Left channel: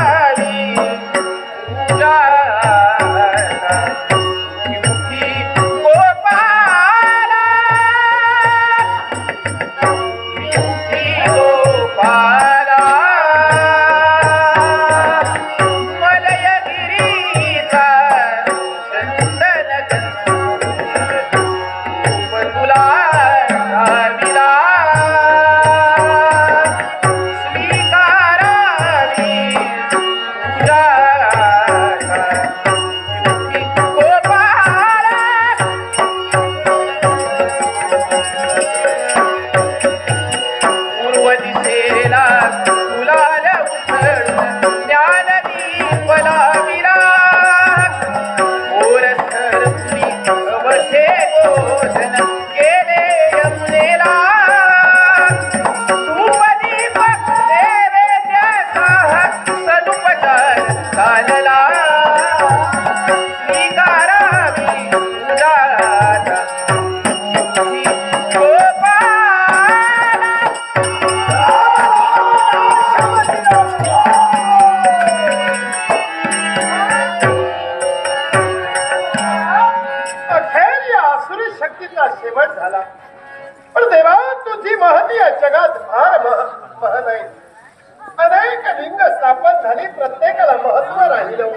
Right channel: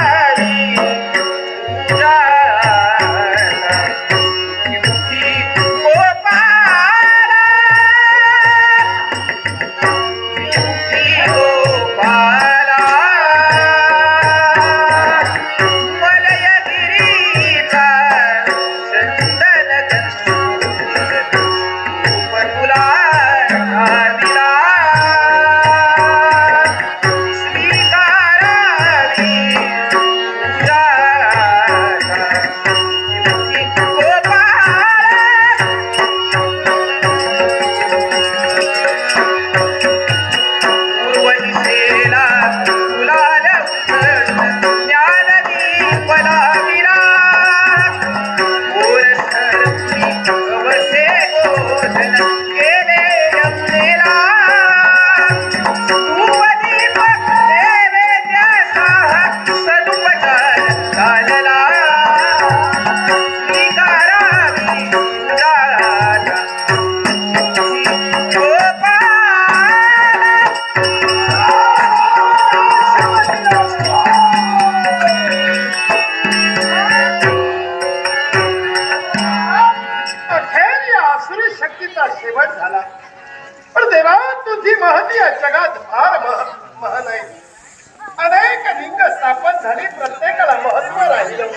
yeah. शक्तीचा शेवट झाला पण देवा तुझी महती या जगात फार मह मह नाही. अनेक लिंग स्थापन झाली प्रत्येकाला महत्त्व राहिलं.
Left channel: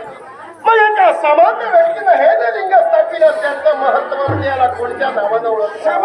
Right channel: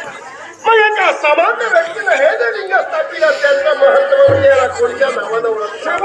मग एका सामान्य व्यक्तीला हे जे लिंग स्थापित त्याचं महत्त्व याला कोणत्या नावानं ओळखलं